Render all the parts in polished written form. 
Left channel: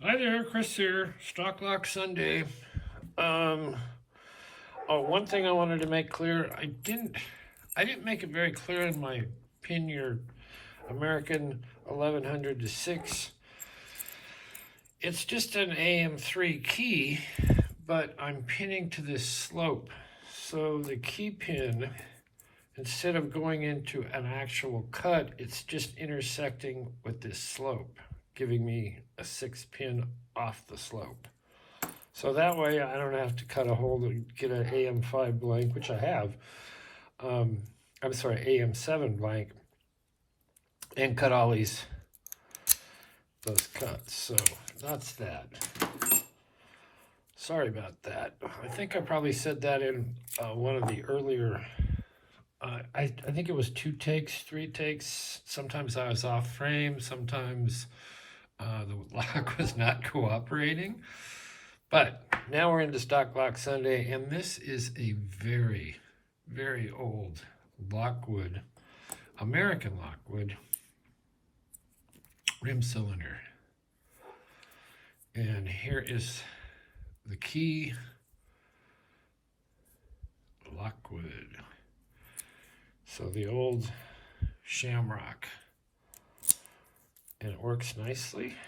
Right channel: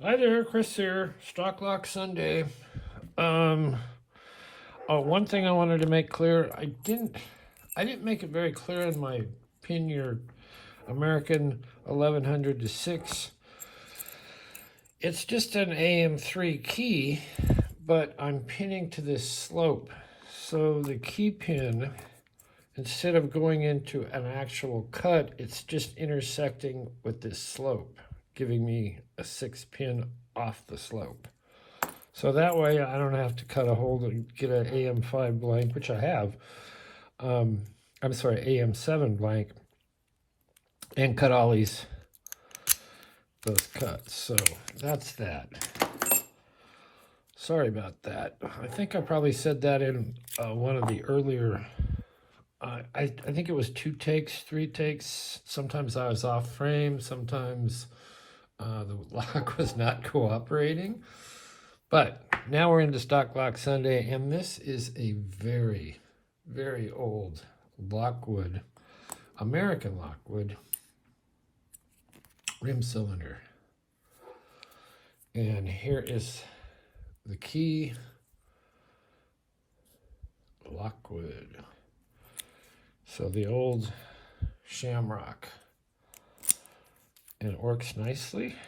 Hi there, Chris here. Stock Lock Sunday. Um, One thing I wanted to make clear, I didn't make it very clear in my pin your American 1100 to 6. It's just an AM3 key, but I'm pinning to this slope. So the key pin, instead of going into an actual cut, it's just intersecting with this slope, giving me a 6 pin off the slope. So that way I don't have to cut a hole and get an AM5 blank, which I have. I'm sorry, AM7 blank, and cut all those cuts. So that's that. Sorry about that. I think I probably said that in one of the earlier. I think it was 2 takes, 3 takes. Sometimes I was off frame. Sometimes the lock was not cooperating. But now we're into Stock Lock Sunday, and this is a very, very old Lockwood, American Lockwood rim cylinder. And here is the key, Lockwood. So the old shamrock. And it works nicely.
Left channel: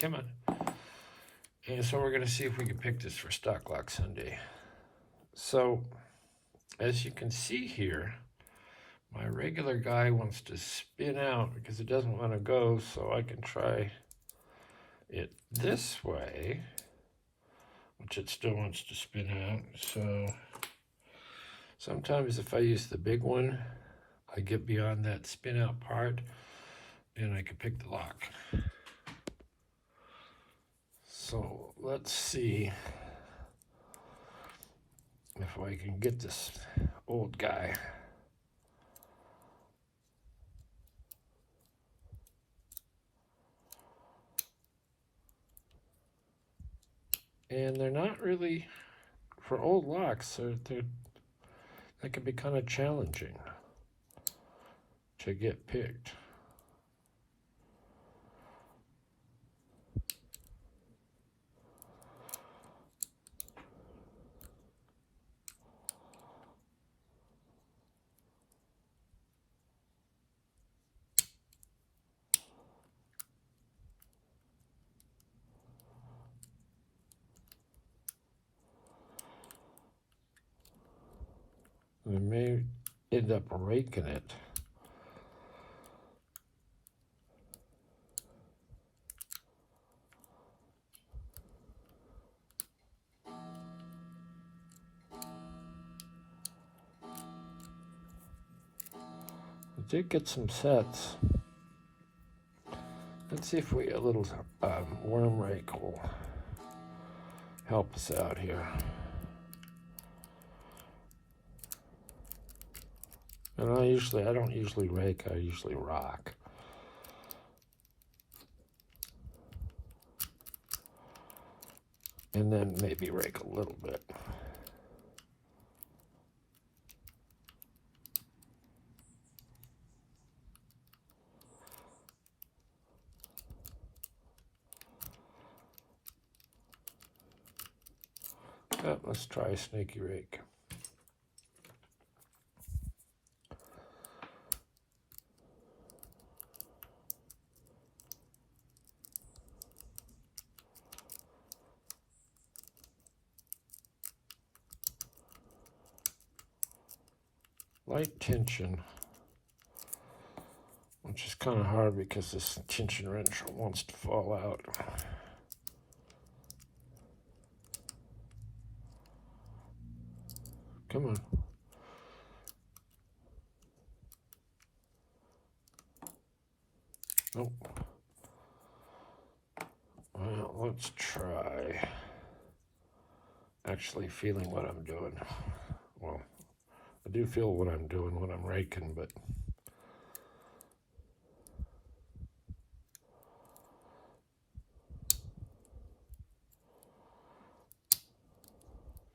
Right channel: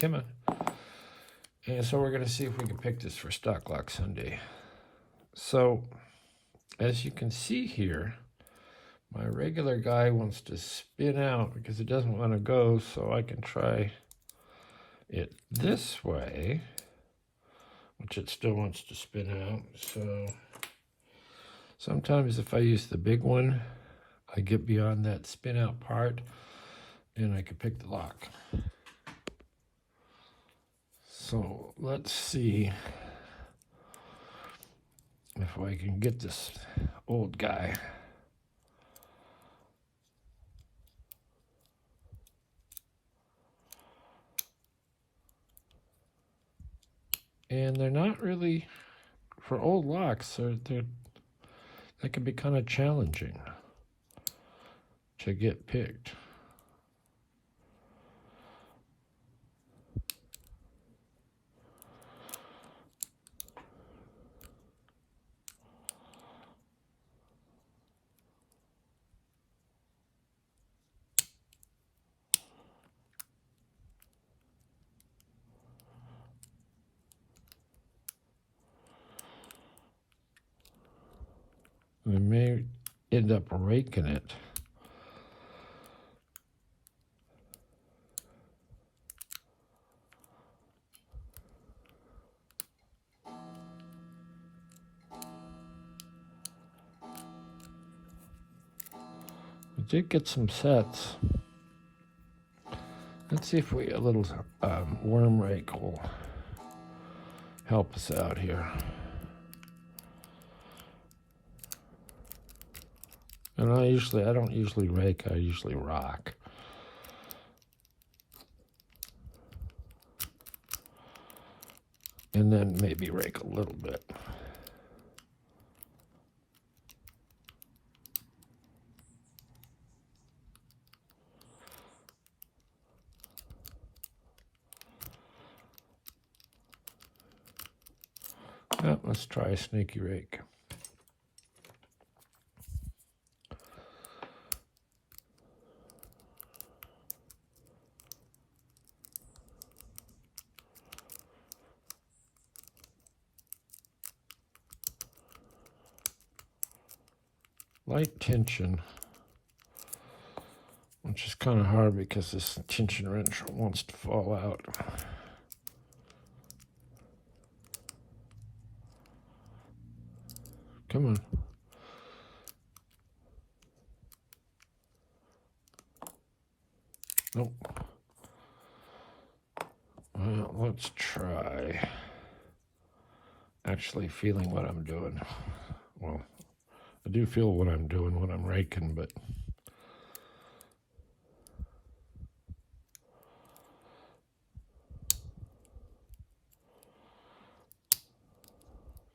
Come on. And so we're going to see if we can pick this for Stock Lock Sunday. So, as you can see here, my regular guy wants to spin out because it doesn't want to go, so I can try it this way, which it still wants to spin out. So, sometimes if I use the big one, I get beyond that spin out part, and I can pick the lock. So let's see if I can get this old guy. And they're not really, for old locks, they can be kind of challenging to get picked. We may end up raking it. We did get some sets. Let's see if a little worm rake will help us out here. And I don't usually rake, I usually rock. And then maybe rake a little bit. Well, let's try a snaky rake. Light tension, which is kind of hard because this tension wrench wants to fall out. Come on. Nope. Well, let's try actually feeling what I'm doing. Well, I do feel what I'm doing when I'm raking, but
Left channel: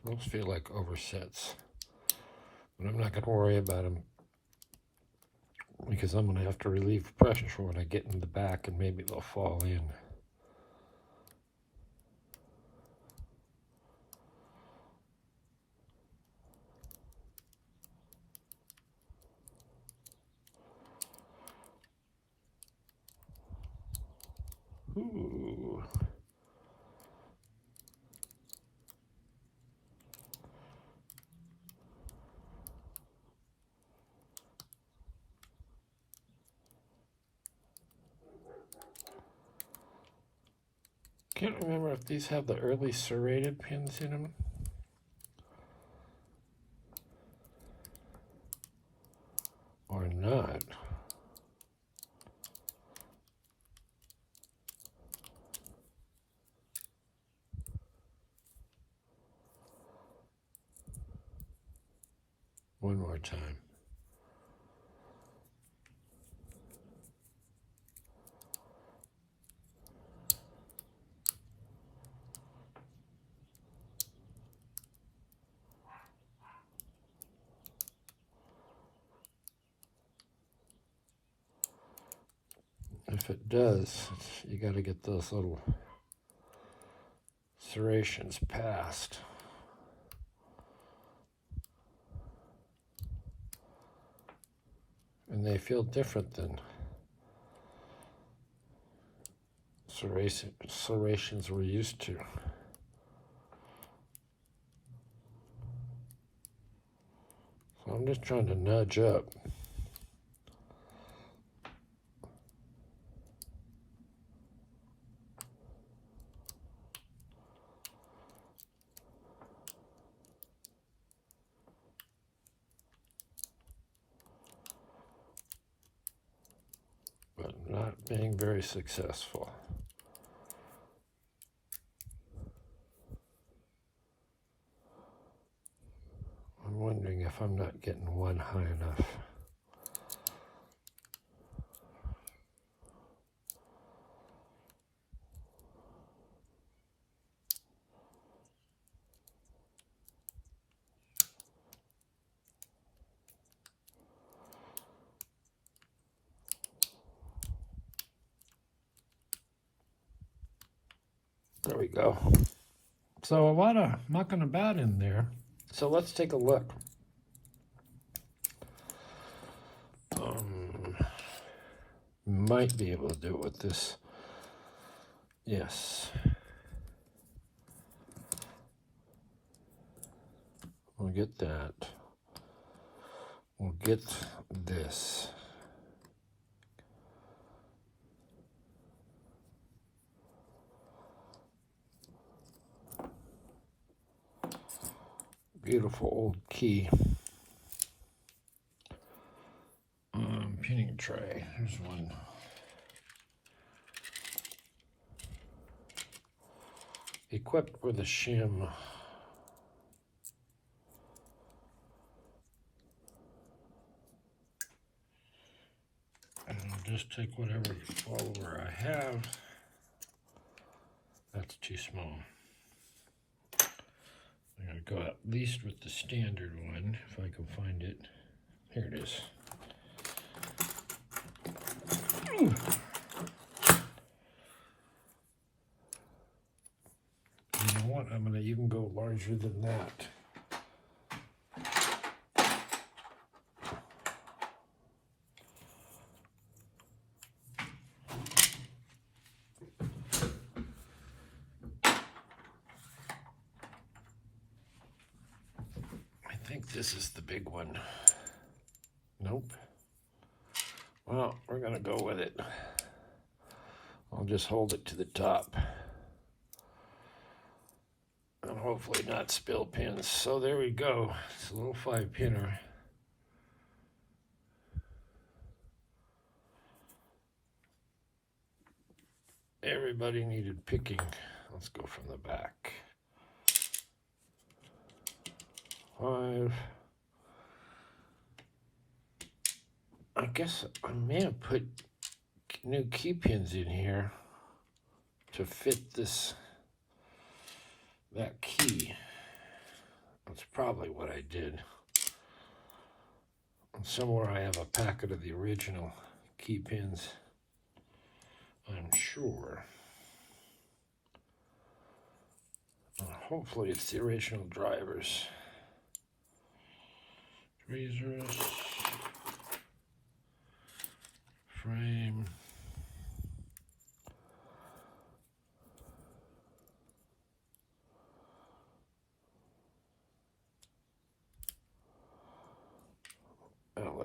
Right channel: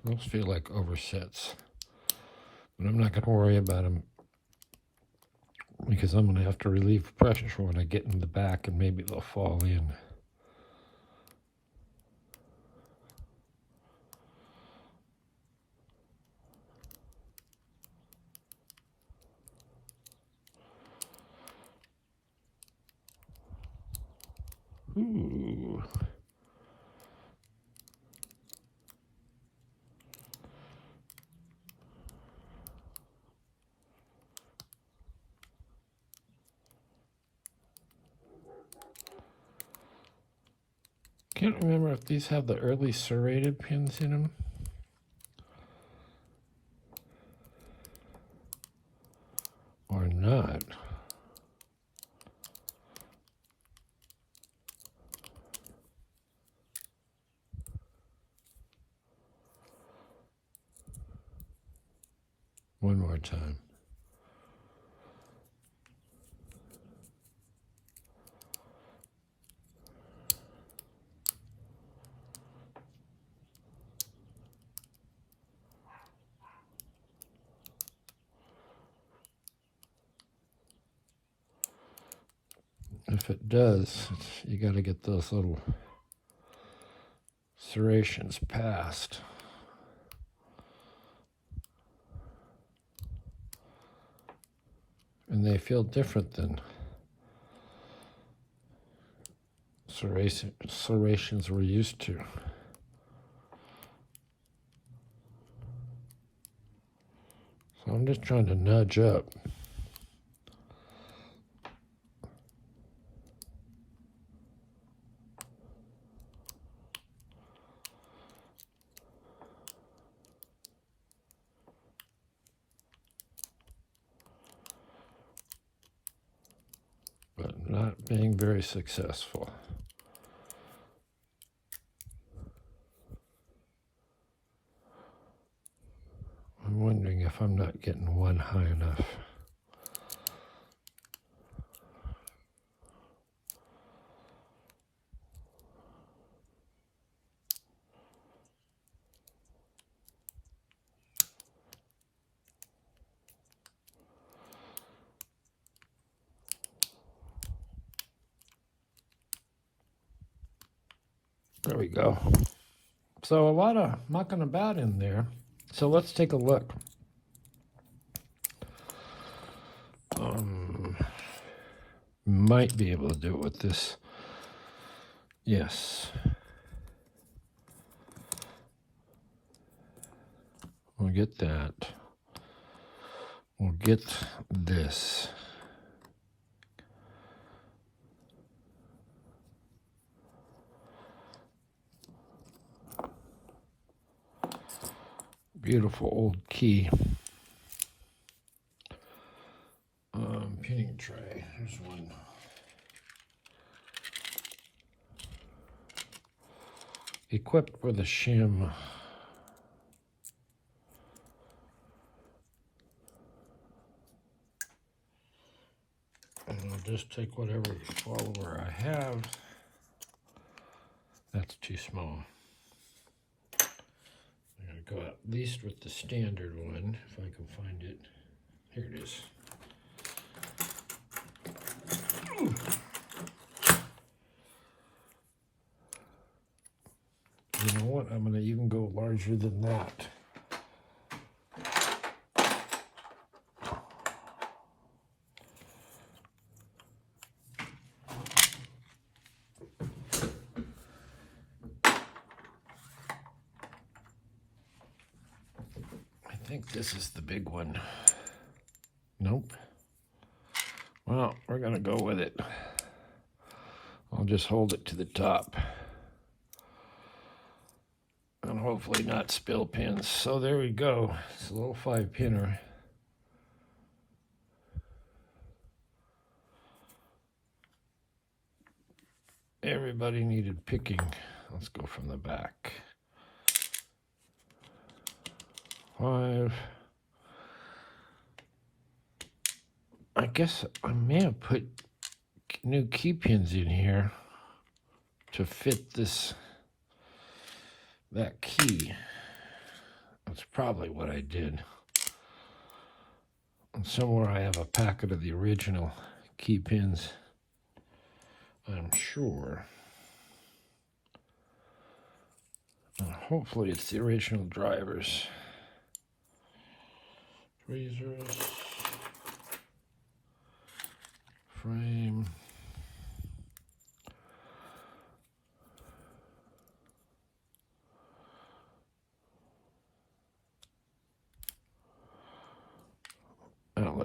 those feel like oversets. But I'm not going to worry about them because I'm going to have to relieve pressure when I get in the back and maybe they'll fall in. Ooh. Can't remember if these have the early serrated pins in them. Or not. One more time. If it does, you got to get those little serrations past. And they feel different than serrations we're used to. So I'm just trying to nudge up. But not being very successful. I'm wondering if I'm not getting one high enough. There we go. So a lot of mucking about in there. So let's take a look. Might be able to do it with this. Yes. We'll get that. We'll get this. Beautiful old key. Pinning tray. Here's one. Equipped with a shim. And I'll just take whatever follower I have. That's too small. I'm going to go at least with the standard one, if I can find it. Here it is. Ooh. You know what? I'm going to even go larger than that. I think this is the big one. Nope. Well, we're going to go with it. I'll just hold it to the top. And hopefully not spill pins. So there we go. It's a little 5-pinner. Everybody needed picking. Let's go from the back. 5. I guess I may have put new key pins in here to fit that key. That's probably what I did. And somewhere I have a packet of the original key pins, I'm sure. And hopefully it's the original drivers. Tweezers. Frame.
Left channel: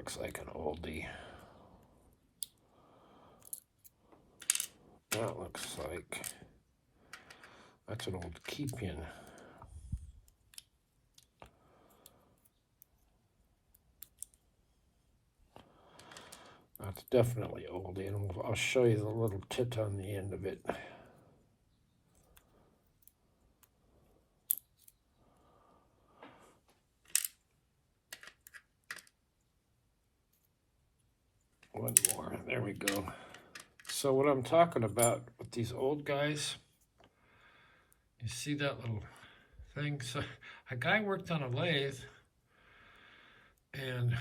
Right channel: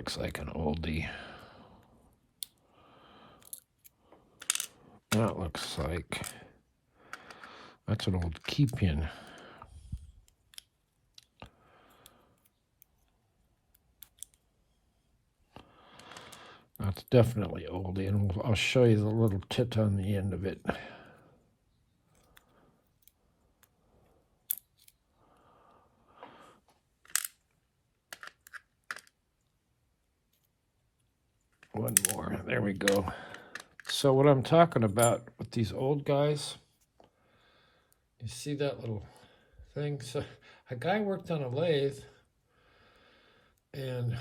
looks like an oldie. That looks like, that's an old key pin. That's definitely oldie, and I'll show you the little tit on the end of it. One more, there we go. So what I'm talking about with these old guys, you see that little thing? So a guy worked on a lathe and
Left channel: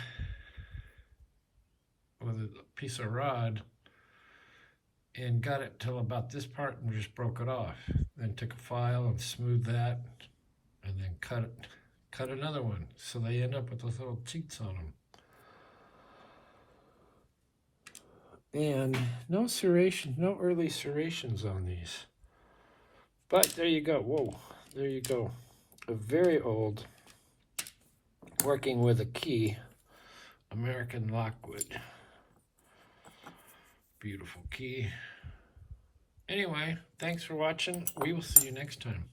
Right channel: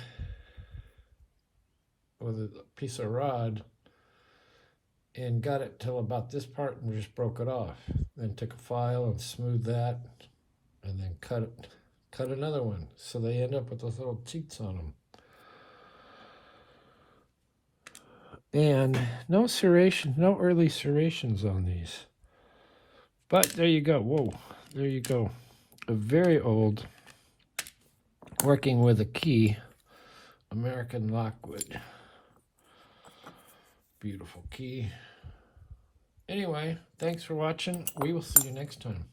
with a piece of rod and got it till about this part and just broke it off. Then took a file and smoothed that and then cut another one. So they end up with those little cheats on them. And no serration, no early serrations on these. But there you go. Whoa, there you go. A very old, working with a key, American Lockwood. Beautiful key. Anyway, thanks for watching. We will see you next time.